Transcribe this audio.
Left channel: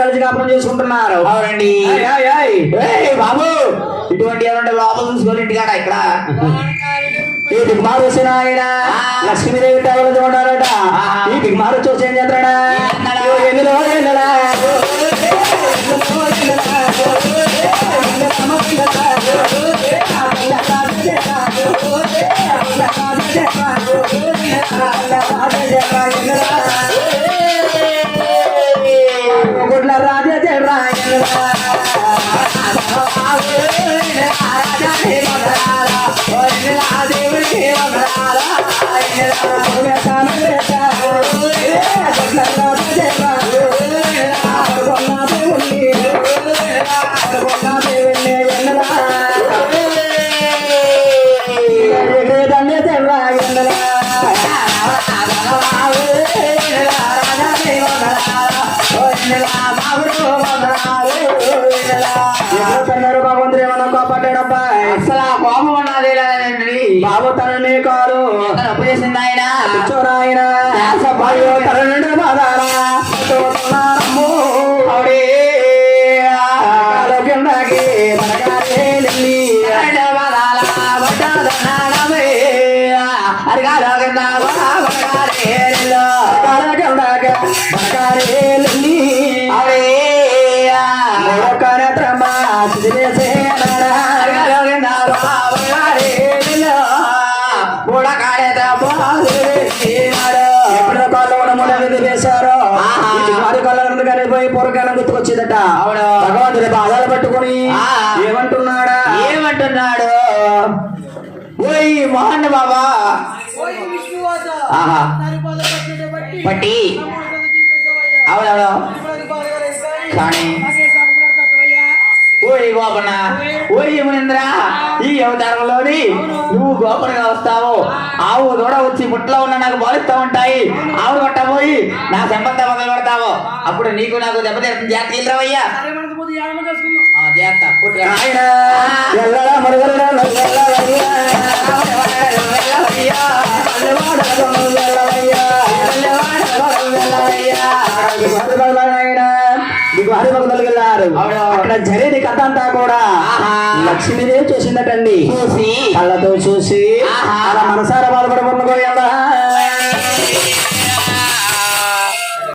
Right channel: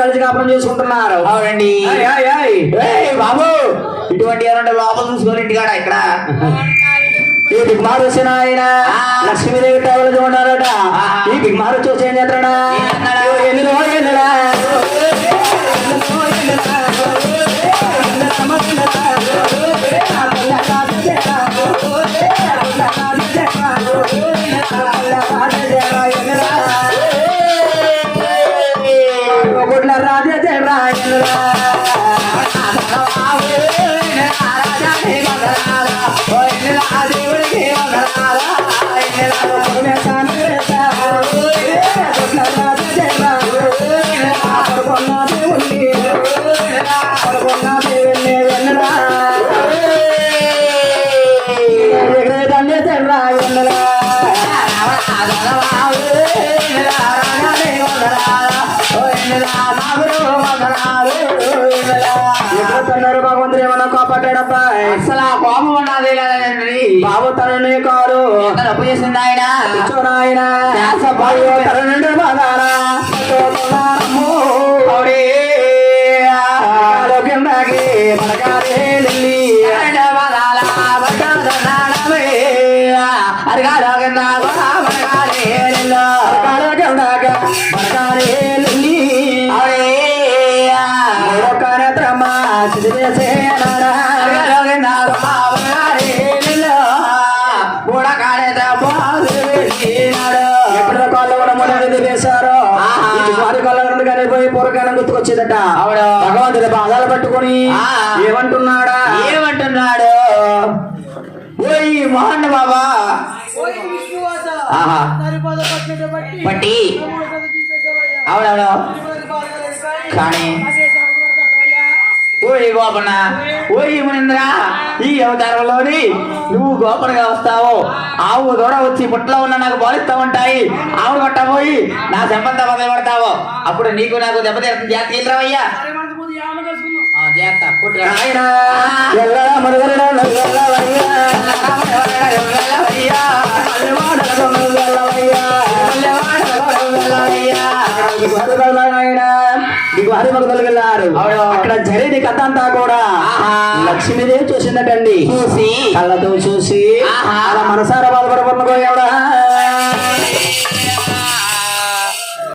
కలిసి కాపురం చేసుకుంటున్నారు. అవునండి. బాబు ఇటువంటి ఎవరంటే లోపల చూసుకోవాలి ఇంటికాడ ఇక్కడ ఈ బిగ్మారు వచ్చిన ఆయన లక్ష్మీదేవి టైలు చూడారట. ఈ బిగ్మారు చూసి ఏం చేస్తాడా భగవంతుడు ఏమన్నా కాపాడాడబ్బా. అసలు ఆ కోపం ఉన్నది లేదండి. బాబు తననే కాదు తప్పు చేసింది ఆయన ఆయన తన నుండి బాధారా గుర్తుకొచ్చేదట. భగవంతుడి బాధాలు పట్టుకుని ఏమంటున్నాడు ఓయ్ మోహన్ బాబా బట్టి అవునవును కానీ ఓయ్ గోపన్న ఓయ్ మునింద్ర ఈ అవతారంలోని నువ్వు గోపనగా వస్తావు. ఆవు దూడ వచ్చి పుట్లో ఉన్న నాకు బాలిస్తూ ఉంటాయి. ఆవు కొట్టబోయి నా సంబంధం మొదలు పెడతావు. అప్పుడు నీకు నాకు దెబ్బతీరుతుంది. జాగ్రత్త వెళ్ళరావయ్యా. వెళ్ళారు. అక్కడ జరిగిన కథ అంతా కూడా లక్ష్మీదేవి చూసిందటండి. చూసి కళ్ళతో చూసి అలా మనసారా బాధపడకుండా